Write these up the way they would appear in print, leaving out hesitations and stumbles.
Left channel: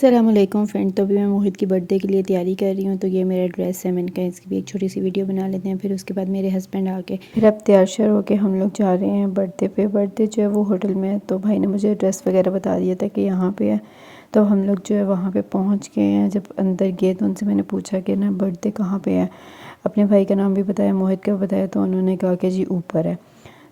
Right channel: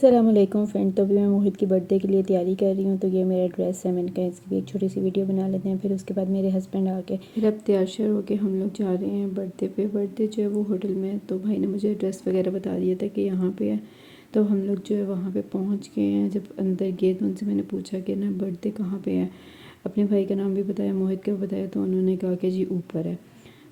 अस्सलामुअलैकुम फ्रेंड। तो अभी मैं मोहित की बर्थडे के लिए तैयारी कर रही हूँ। तो ये मेरा ड्रेस है, मैंने कहा इसकी भी एक छोटी सी वीडियो बना लेते हैं। फिर उसके बाद मेरे हस्बैंड आके फिर अब तैयार श्यार होके हम लोग जा रहे हैं बर्थडे पे। बर्थडे जो है वो होटल में है, तो भाई ने मुझे एड्रेस वगैरह बता दिया था कि यहाँ पे है। तो हम लोग जो है वहाँ पर पहुँच गए हैं। जब अंदर गए तो उनसे मैंने पूछा कि ना बर्थडे कहाँ पर है। अपने भाई का नाम भी बताया, मोहित का बताया, तो उन्होंने कहा कि जी ऊपर है।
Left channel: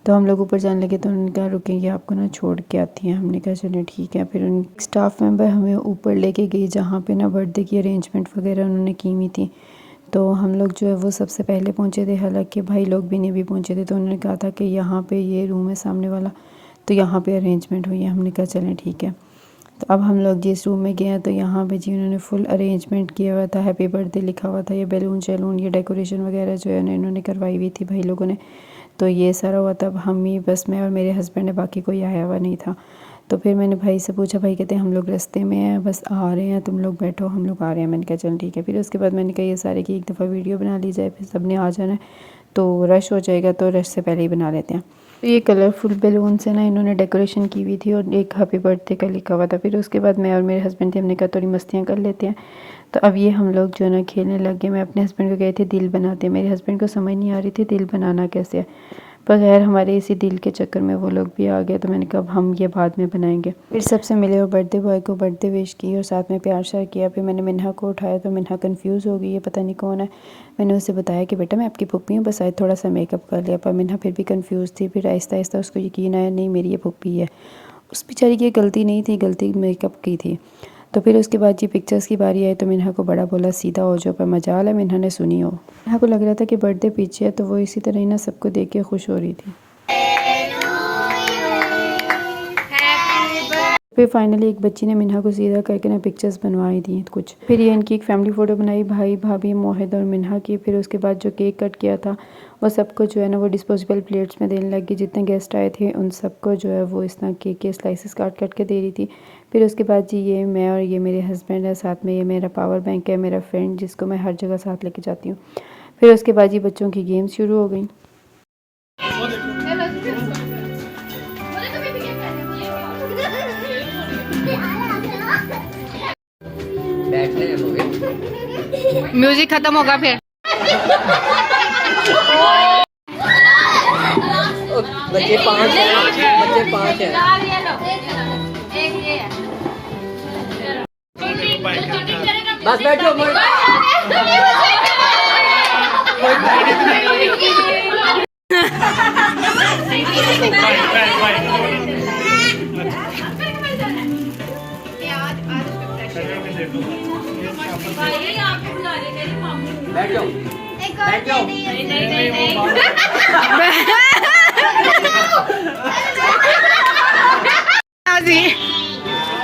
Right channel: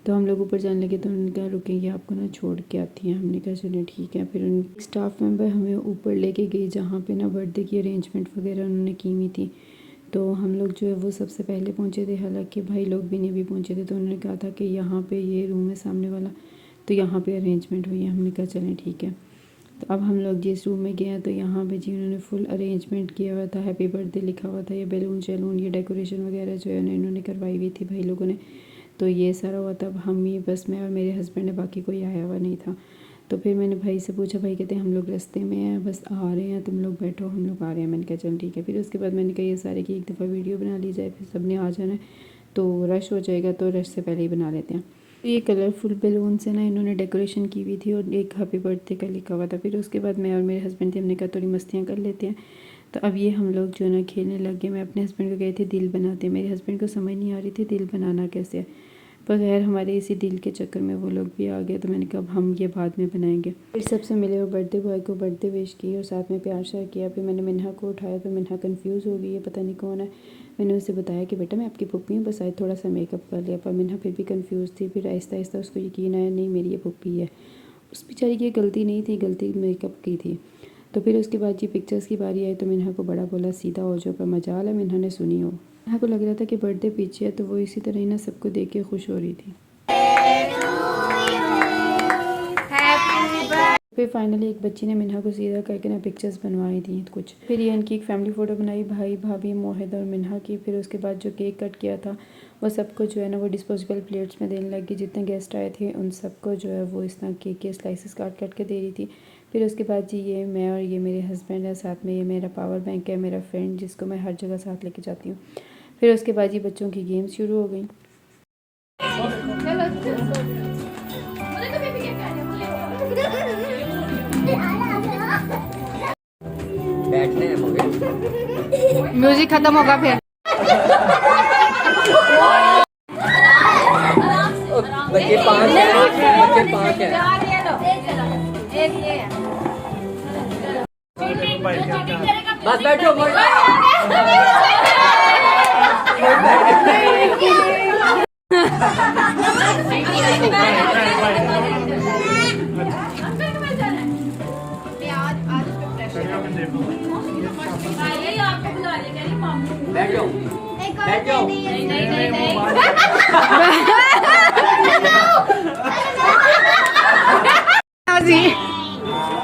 तो हम लोग ऊपर जाने लगे तो उन्होंने कहा रुकेंगे, आपको ना छोड़ के आती हैं। हमने कहा चलिए ठीक है। फिर उन स्टाफ मेंबर हमें ऊपर लेके गई जहाँ पे ना बर्थडे की अरेंजमेंट वगैरह उन्होंने की हुई थी। तो हम लोग जो है वो सबसे पहले पहुँचे थे, हालांकि भाई लोग भी नहीं भी पहुँचे थे। तो उन्होंने कहा था कि यहाँ पे ये रूम है सामने वाला, तो यहाँ पे अरेंजमेंट हुई है। हमने कहा चलें ठीक है। तो अब हम लोग जिस रूम में गए हैं तो यहाँ पे जी उन्होंने फुल अरेंजमेंट किया हुआ था, हैप्पी बर्थडे लिखा हुआ था। ये बैलून शैलून ये डेकोरेशन वगैरह जो है इन्होंने करवाई हुई थी भाई लोगों ने। तो ये सारा हुआ, तब हम ही बस मैं और मेरे हस्बैंड है, बाकी कोई आया हुआ नहीं था। तो फिर मैंने भाई से पूछा, भाई कहते हैं हम लोग रास्ते में हैं, बस आ रहे हैं, तुम लोग बैठो, हम लोग आ रहे हैं। मैंने कहा चल ठीक है। फिर उसके बाद मैंने कहा ये सारे की एक दफ़ा वीडियो बना ली जाए, फिर सब ने आ जाना है तो रश हो जाएगा, तो रश से पहले ही बना लेते हैं। तो ये कलरफुल बैलून से ना इन्होंने डेकोरेशन की हुई थी और एक हैप्पी बर्थडे का लिखा हुआ था। फिर उसके बाद मैं और मेरे हस्बैंड थे, हमने कहा थोड़ी मस्तियाँ कर लेते हैं। तो अब ये हम लोग जो है ना खेलने लग गए। मैं अपने हस्बैंड को गए थे दिल बनाते, मेरे हस्बैंड को समझ नहीं आ रही थी दिल बनाना कैसे है, पर खैर हमारे इसी दिल के चक्कर में वो लोग भी आ गए। तो मैंने कहा अब हम ये बाद में बनाएंगे। फिर सबसे मिले और बर्थडे बॉय को बर्थडे विश की और साथ में प्यार श्यार किया। फिर मैंने मिन्हा को उठाया तो मिन्हा कंफ्यूज हो गई, ये पता नहीं कौन है। मैंने उसे बताया कि बेटा मैं आपकी पुप्पी हूँ, बस आज थोड़ा सा मेकअप कर लिया। पर मिन्हा फिर भी कंफ्यूज थी। फिर आहिस्ता आहिस्ता उसको यकीन आया नहीं मेरी ये पुप्पी है। उस बेचारी की गलती नहीं थी, गलती मेकअप की थी। तो फिर उसके बाद जी पिक्चर्स की बारी आई तो मिन्हा को बड़ा बोला सीधा हो जाओ, पर मजाल है मिन्हा ने सुनी हो। मिन्हा को लग रहा था कि बर्थडे पीछे है, तो वो इसी तरह ही ना सबको देख के खुश हो रही थी। फिर फाइनली एक बच्ची ने मिन्हा को सीधा करके ना पिक्चर्स बनवाई थी कुछ। फिर ये इनकी एक फैमिली फ़ोटो बनाई, भाई भाभी मोहित और मिन्हा की। फिर उसके बाद जो केक कट किया था वो सबको जो है ना वो डिस्पोजेबल प्लेट्स में देने लगी। जितने गेस्ट आए थे उन सबको जो है वो इस तरह केक के स्लाइसेस काट के दे रही थी। फिर उसके बाद जी ये मैं और ये मेरे हस्बैंड है, साथ में ये मेरा पावर बैंक है, मेरा फ्रेंड जिसको मैं हर जगह साथ लेके जाती हूँ। फिर उसके बाद जी बच्चों की गेम्स शुरू हो गई। म्यूजिक खत्म होगा फिर। बच्चे पाँच हैं। बस बैठो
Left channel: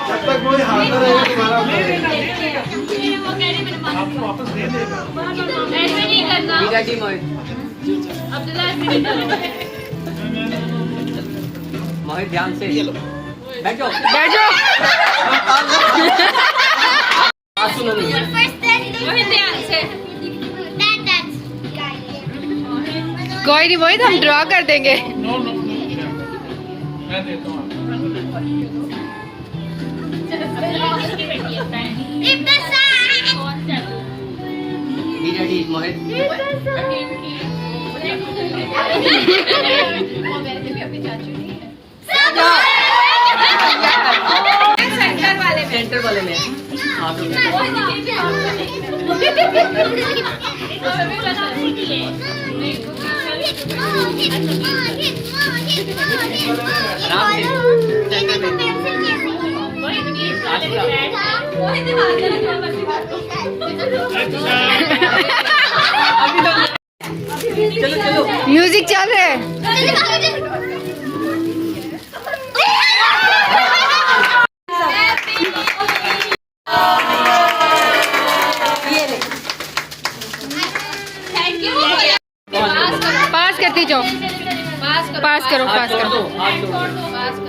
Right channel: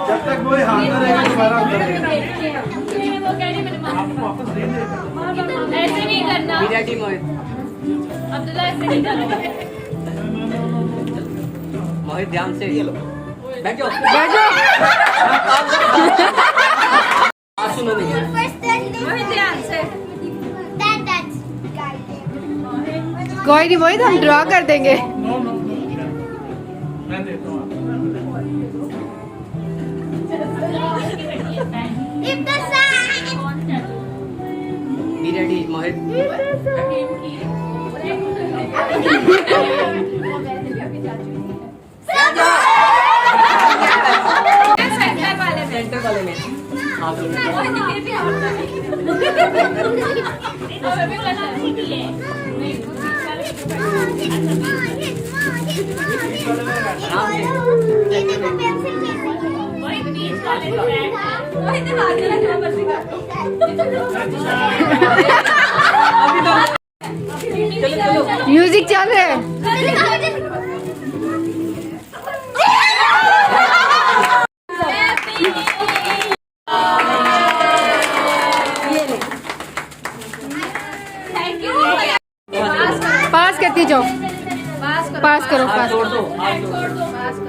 जब तक कोई हाथ रहेगा आपको वापस दे देगा। ऐसे नहीं करना। मोहित ध्यान से बैठो बैठो। सुनो ध्यान से। कोई नहीं मोहित, हम ड्रॉ कर देंगे। नो नो नो मैं देता हूँ। रेडी मोहित। सेंटर वाले में आप म्यूजिक चल रहा है। पास करती जाओ, पास करो, पास करो।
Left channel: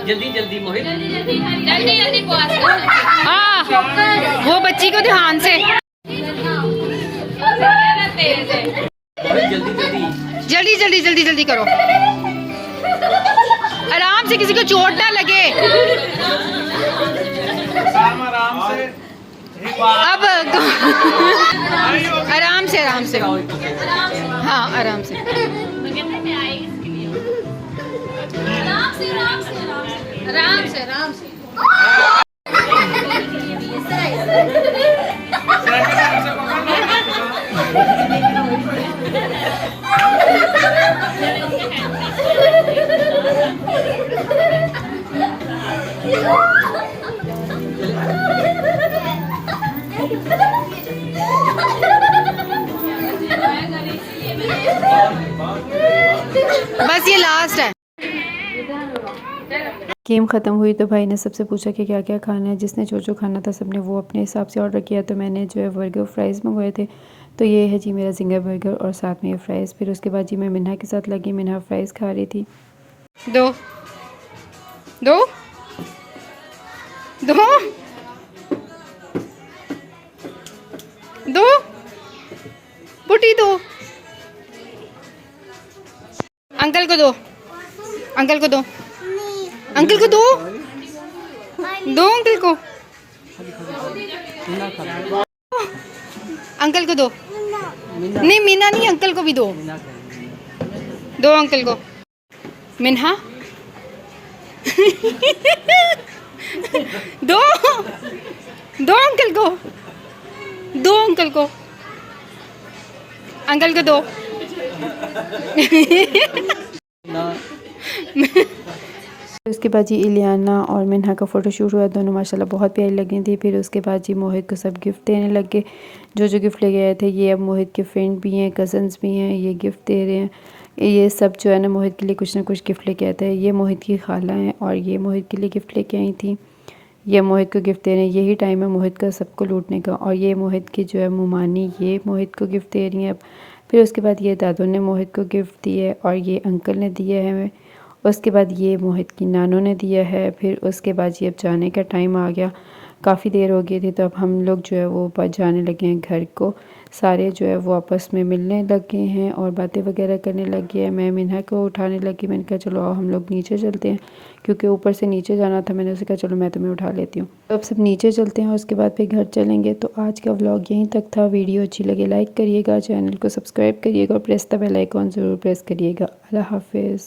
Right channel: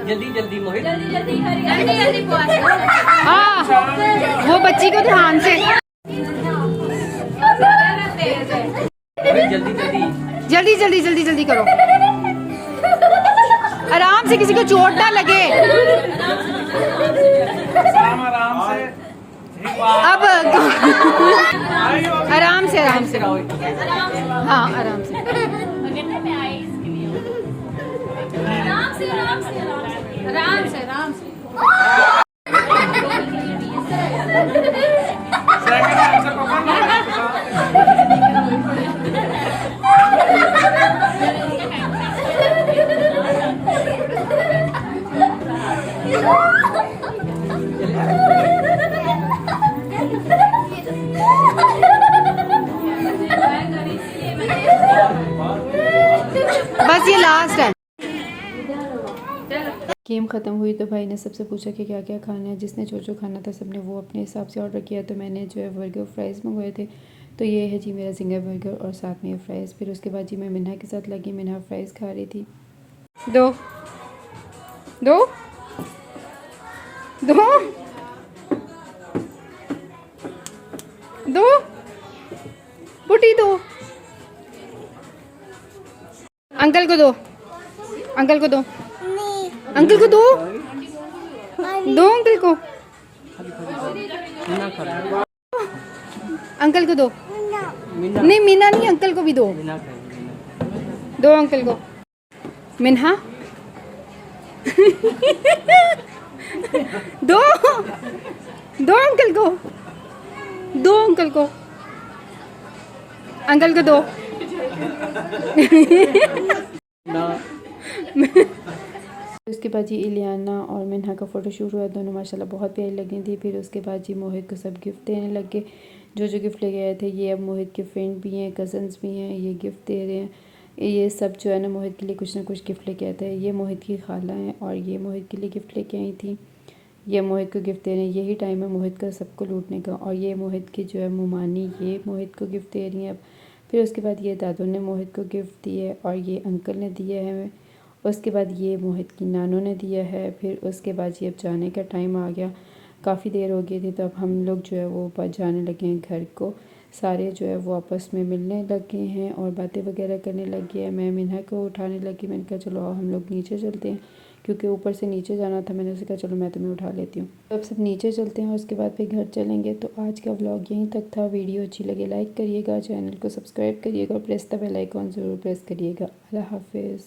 जल्दी जल्दी मोहित जल्दी पास करो। हाँ वो बच्ची को ध्यान से। जल्दी जल्दी जल्दी जल्दी करो, आराम से, किसी को चोट ना लगे। आराम से अब आराम से आराम से, हाँ आराम से। आराम से आराम से बस ये लास्ट है। गेम ख़त्म हुई तो भाई ने सबसे पूछा कि क्या क्या खाना है। जिसने जो जो खाना था सबने वो अपने हिसाब से ऑर्डर किया। तो मैंने जो है बर्गर फ्राइज़ मंगवाए थे। तो ये है जी मेरा जिंगर बर्गर और साथ में ये फ्राइज़। फिर उसके बाद जी मैं मिन्हा के साथ लगी। मिन्हा फ्राइज़ खा रही थी। दो दो दो दो बुटी दो, अंकल को दो, अंकल को दो, अंकल को दो, दो अंकल को, अंकल को दो, नहीं मीना नहीं, अंकल को भी दो, दो अंकल को। मिन्हा दो, दो अंकल को, दो अंकल को, अंकल को दो। उसके बाद जी इलियाना और मिन्हा का फ़ोटोशूट हुआ। दोनों माशाल्लाह बहुत प्यारी लगी थी। फिर उसके बाद जी मोहित को सब गिफ्ट देने लगे। जो जो गिफ्ट लेके आए थे, ये अब मोहित के फ्रेंड भी हैं, कज़न्स भी हैं, ये गिफ्ट दे रहे हैं। ये सब जो है ना मोहित के लिए कुछ ना कुछ गिफ्ट लेके आए थे। ये मोहित की खाला हैं और ये मोहित के लिए गिफ्ट लेके आई थी। ये मोहित को गिफ्ट दे रहे हैं। यही टाइम है मोहित का सबको लूटने का। और ये मोहित की जो है मुमानी, ये मोहित को गिफ्ट दे रही हैं अब। फिर उसके बाद ये दादू ने मोहित को गिफ्ट दिए और ये अंकल ने दिया है हमें। उसके बाद ये मोहित की नानों ने दिया है। फिर उसके बाद ये अब जाने का टाइम आ गया। काफ़ी देर हो गई थी तो अब हम लोग जो है वो जाने लगे हैं घर को। सारे जो है वो आपस में मिलने लगे हैं और बातें वगैरह करने लगे हैं। मैं मिन्हा को उठाने लगी। मैंने कहा चलो आओ हम लोग नीचे चलते हैं, क्योंकि ऊपर से नीचे जाना था। मैंने उसे कहा चलो मैं तुम्हें उठा लेती हूँ। तो अब सब नीचे चलते हैं और उसके बाद फिर घर चलेंगे। तो आज का व्लॉग यहीं तक था। वीडियो अच्छी लगे लाइक करिएगा, चैनल को सब्सक्राइब करिएगा और प्रेस द बेल आइकॉन ज़रूर प्रेस करिएगा। अल्लाह हाफिज़।